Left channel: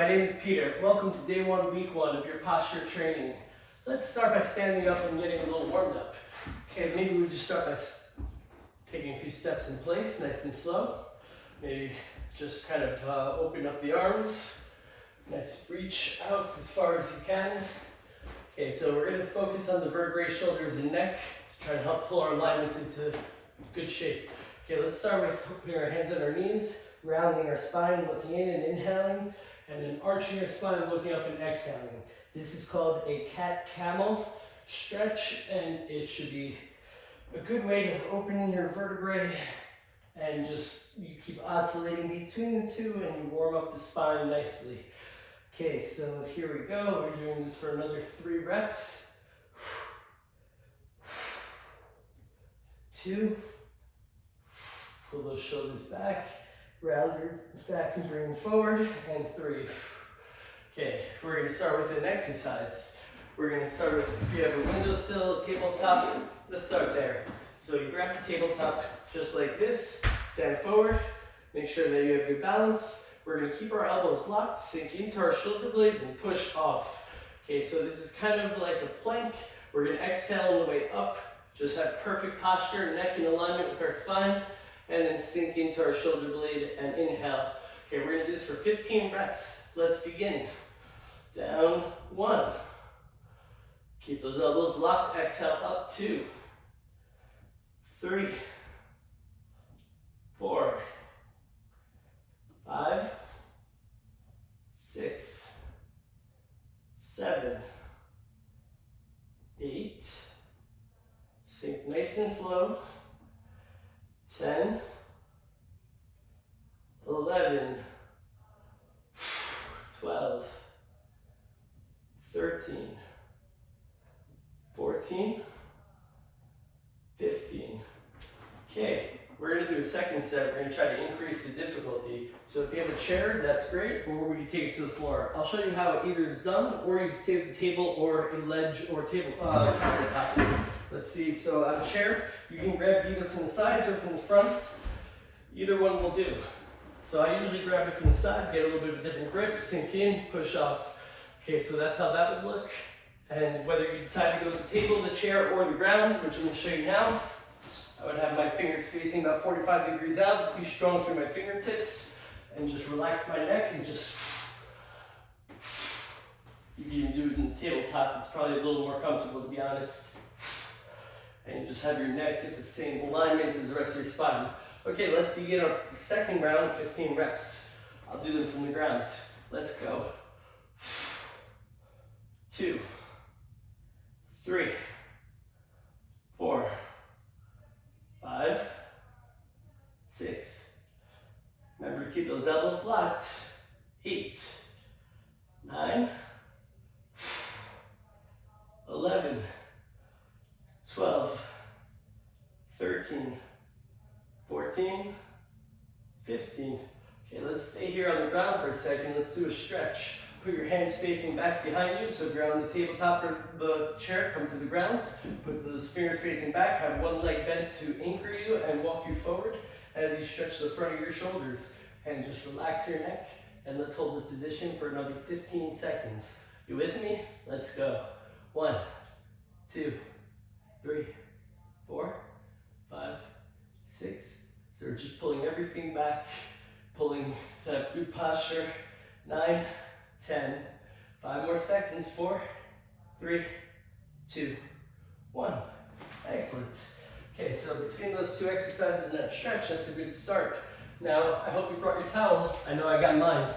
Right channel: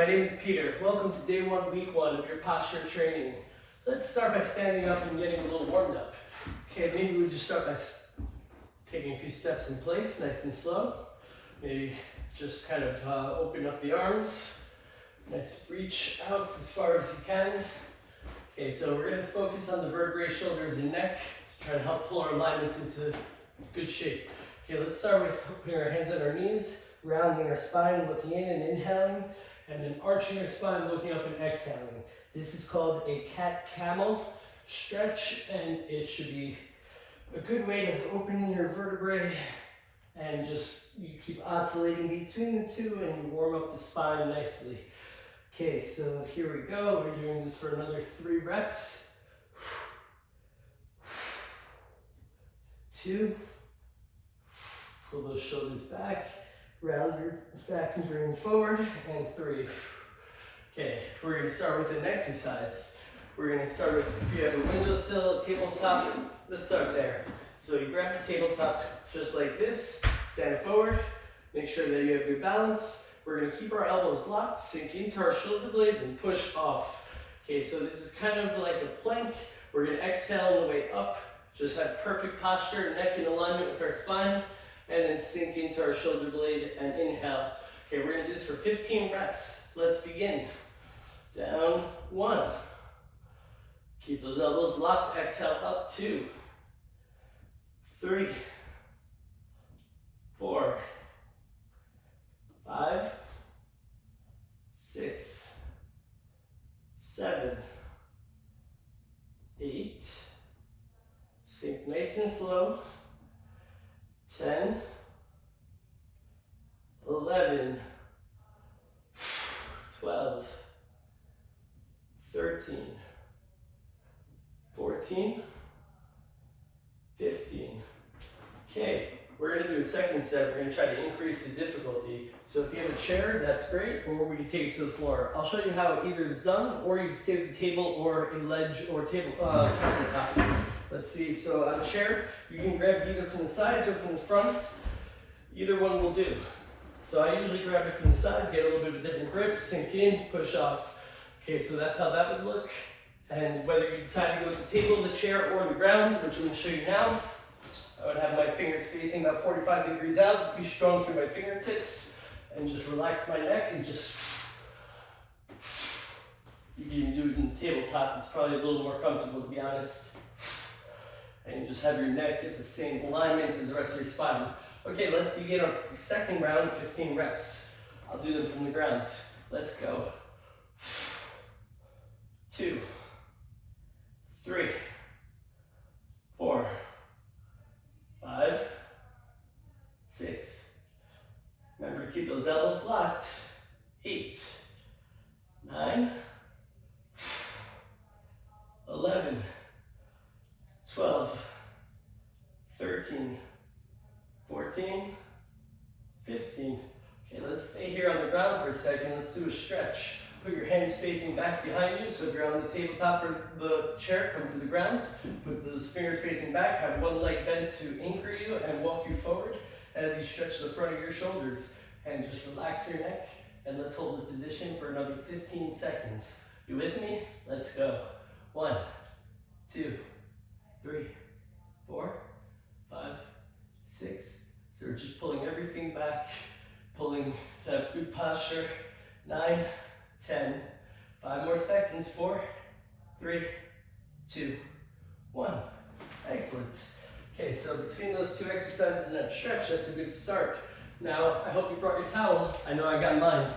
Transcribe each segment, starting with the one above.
my name is Peter. Welcome to day one, week one of your posture training. Let's start by standing up and getting a little warmed up. Okay, maybe we just start by taking a few steps in place, nice and slow. Maybe just kind of open up the arms. Nice reach out as far as you can. Okay, so we're going to focus on the vertebrae, shoulders, and neck to try to help pull our alignments into good shape. Okay, let's start with putting our hands on our knees, rounding our spine, looking in and inhaling, and then arching our spine, looking up and exhaling. This is called a cat-camel stretch, and it should be a good way to open your vertebrae and just you keep oscillating between the two and you warm up the spine nicely. Okay, so here we go. We're doing this for another 3 reps. 2. Pull those shoulders back. Round your back and bring forward. And 3. Okay, we're going to start with an exercise. We're going to start with, if you have a windowsill, a tabletop, let's start there. So you grab the tabletop just like this, stand forward, make sure that you have good balance. We're going to keep our elbows locked, sink into our shoulder blades, and push off. Okay, so this is kind of like a plank. We're going to exhale on the way up, just have perfect posture, neck in alignment with our spine, and then sink into our shoulder blade and inhale. Okay, we're going to do this for 15 reps. Let's begin. Down, 1. Keep those elbows locked, exhale up, 2, 3, 4, 5, 6, 7, 8, sink nice and slow, 10, 11, 12, 13, 14, 15. Okay, we're going to do a second set. We're going to try to increase the difficulty. So if you have a chair, that's great, or we can take it to the floor. I'll show you how either is done, or you can stay at the table or a ledge or table countertop. Let's see, so on a chair, you can grab either from the sides or from the front. Either one will do. So I usually grab it from the sides, get a little bit of different grip, sink in, push off. Okay, so that's how that would look. And whether you decide to go to the table, the chair, or the ground, which I'm going to show you now, I would have my fingers facing about 45 degrees out, be strong through my fingertips, and just relax my neck and just, you can do it in the tabletop, it's probably a little more comfortable to be honest. And just have your neck at the same alignment as the rest of your spine. Okay, let's begin our second round, 15 reps. I'll do them from the ground. Let's go. 2, 3, 4, 5, 6. Remember to keep those elbows locked. 8, 9, 11, 12, 13, 14, 15. Okay, let's stay here on the ground for a second. Let's do a stretch. Put your hands facing back behind you. So if you're on the tabletop or the chair, come to the ground. Put those fingers facing back. Have one leg bent to anchor you and walk you forward as you stretch the front of your shoulders. And just relax your neck. And let's hold this position for another 15 seconds. You with me? Let's go. 1, 2, 3, 4, 5, 6. So we're just pulling everything back. Pulling to have good posture. 9, 10, 5 more seconds, 4, 3, 2, 1. Excellent. Okay, so between those 2 exercises and that stretch, that's a good start. Now, I hope you brought your towel. I know I got mine.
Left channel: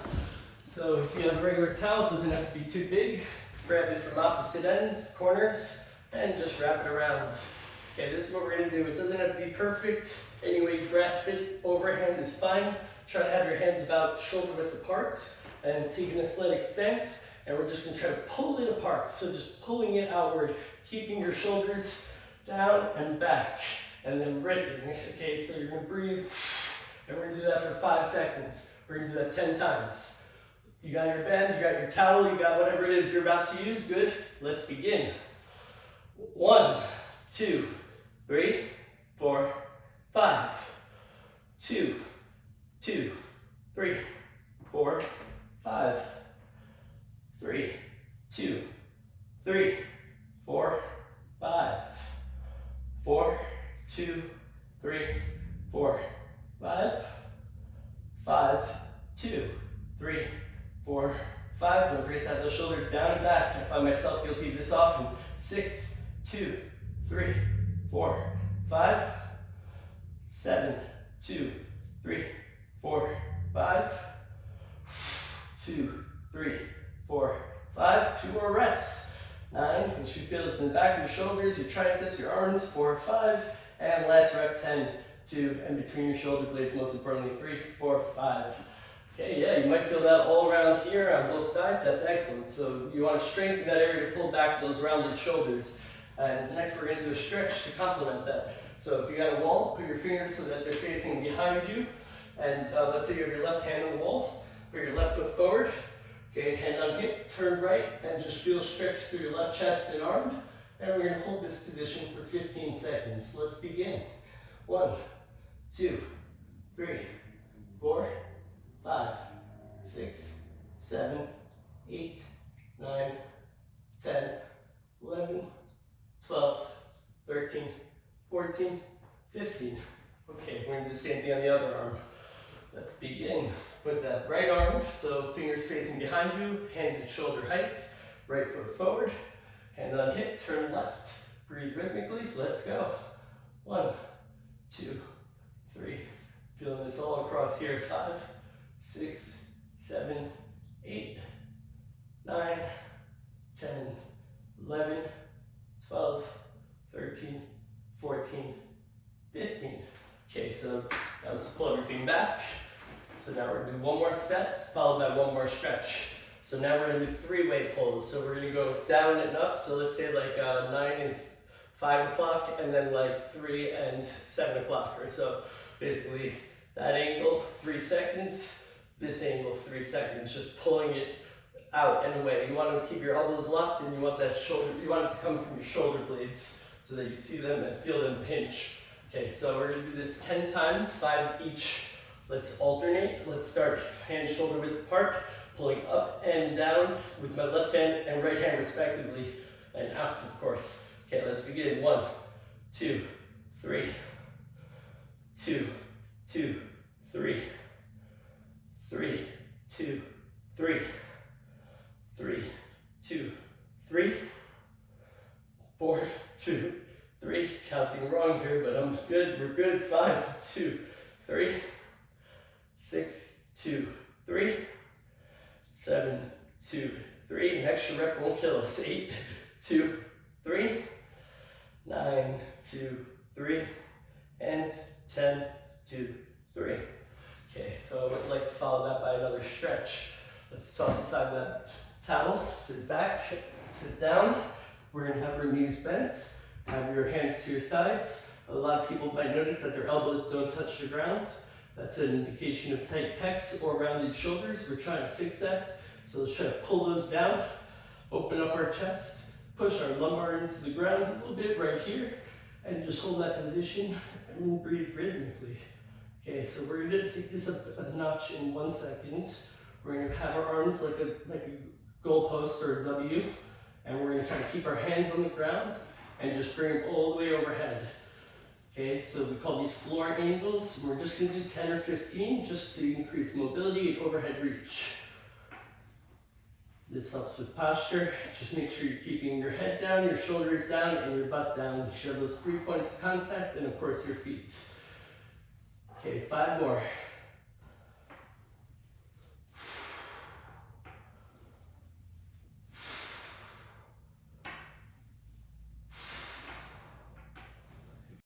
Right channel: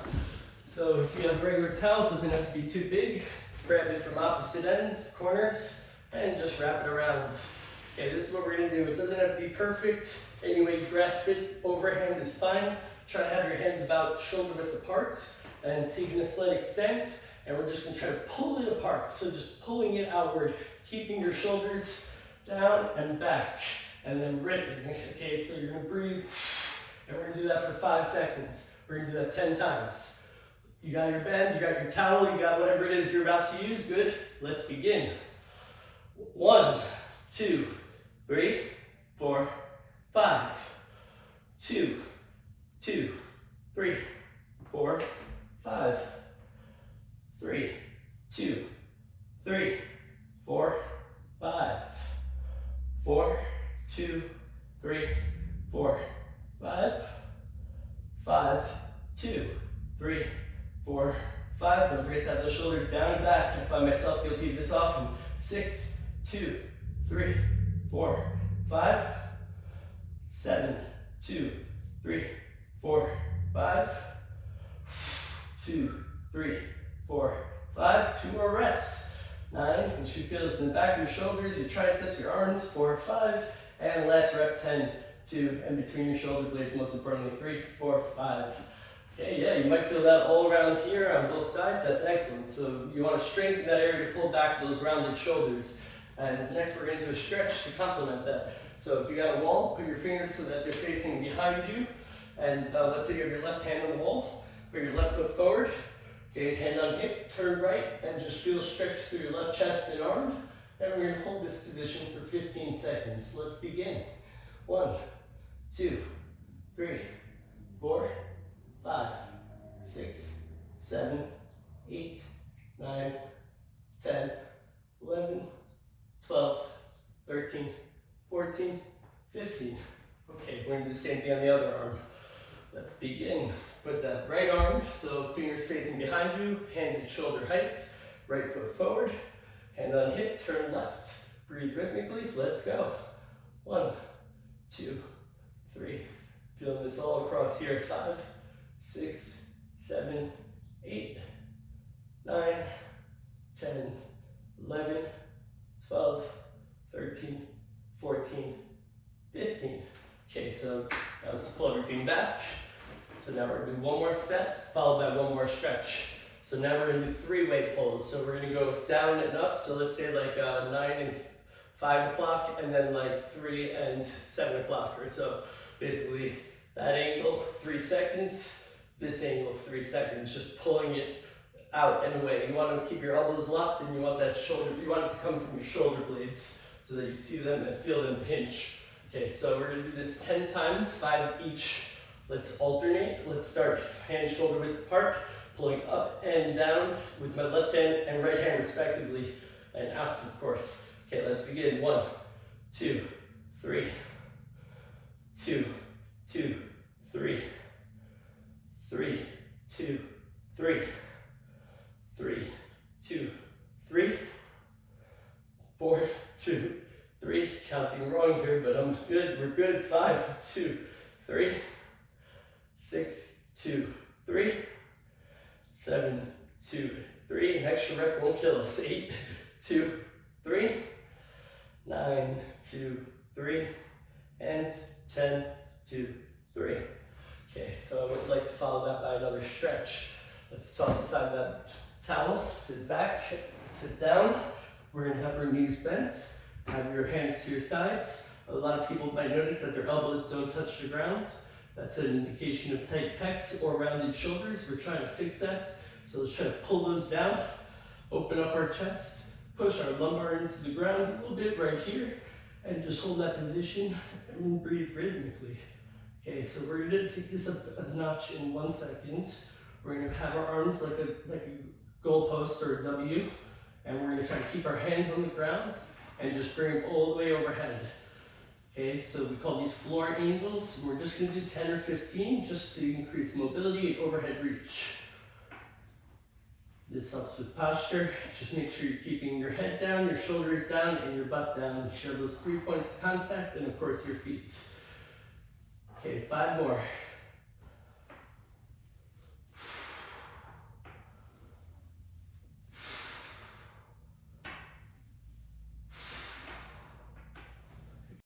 So if you have a regular towel, it doesn't have to be too big. Grab it from opposite ends, corners, and just wrap it around. Okay, this is what we're gonna do. It doesn't have to be perfect. Any way you grasp it, overhand is fine. Try to have your hands about shoulder width apart. And take an athletic stance, and we're just going to try to pull it apart. So just pulling it outward, keeping your shoulders down and back, and then ripping. Okay, so you're going to breathe, and we're going to do that for 5 seconds. We're going to do that 10 times. You got your band, you got your towel, you got whatever it is you're about to use. Good. Let's begin. 1, 2, 3, 4, 5. 2, 2, 3, 4, 5. 4, 5. Don't forget to have those shoulders down and back. I find myself guilty of this often. 6, 2, 3, 4, 5, 7, 2, 3, 4, 5, 2, 3, 4, 5. 2 more reps. 9. You should feel this in the back of your shoulders, your triceps, your arms. 4, 5. And last rep, 10, 2, and between your shoulder blades, most importantly, 3, 4, 5. Okay, yeah, you might feel that all around here on both sides. That's excellent. So you want to strengthen that area to pull back those rounded shoulders. And next we're going to do a stretch to complement that. So if you got a wall, put your fingers so that they're facing behind you. And let's say you have your left hand on the wall, put your left foot forward. Okay, hand on hip, turn right, and just feel stretch through your left chest and arm. And we're going to hold this position for 15 seconds. Let's begin. 1, 2, 3, 4, 5, 6, 7, 8, 9, 10, 11, 12, 13, 14, 15. Okay, we're going to do the same thing on the other arm. Let's begin with that right arm. So fingers facing behind you, hands at shoulder height, right foot forward, hand on hip, turn left. Breathe rhythmically. Let's go. 1, 2, 3. Feeling this all across here. 5, 6, 7, 8, 9, 10, 11, 12, 13, 14, 15. Okay, so that was to pull everything back. So now we're gonna do one more set, followed by one more stretch. So now we're gonna do 3-way pulls. So we're gonna go down and up. So let's say like 9 and 5 o'clock, and then like 3 and 7 o'clock or so. Basically, that angle, 3 seconds. This angle, 3 seconds. Just pulling it out and away. You want to keep your elbows locked, and you want that shoulder. You want it to come from your shoulder blades so that you see them and feel them pinch. Okay, so we're gonna do this 10 times, 5 each. Let's alternate. Let's start hand shoulder width apart, pulling up and down with my left hand and right hand respectively, and out, of course. Okay, let's begin. 1, 2, 3, 2, 2, 3, 3, 2, 3, 3, 2, 3, 4, 2, 3. Counting wrong here, but I'm good. We're good. 5, 2, 3, 6, 2, 3, 7, 2, 3. An extra rep won't kill us. 8, 2, 3, 9, 2, 3, and 10, 2, 3. Okay, so I would like to follow that by another stretch. Let's toss aside that towel, sit back, sit down. We're gonna have our knees bent, have your hands to your sides. A lot of people might notice that their elbows don't touch the ground. That's an indication of tight pecs or rounded shoulders. We're trying to fix that. So let's try to pull those down, open up our chest, push our lumbar into the ground a little bit right here, and just hold that position and breathe rhythmically. Okay, so we're gonna take this up a notch in 1 second. We're gonna have our arms like a goalpost or a W, and we're gonna try to keep our hands on the ground and just bring them all the way overhead. Okay, so we call these floor angels. We're just gonna do 10 or 15 just to increase mobility and overhead reach. This helps with posture. Just make sure you're keeping your head down, your shoulders down, and your butt down. Show those 3 points of contact, and of course your feet. Okay, 5 more.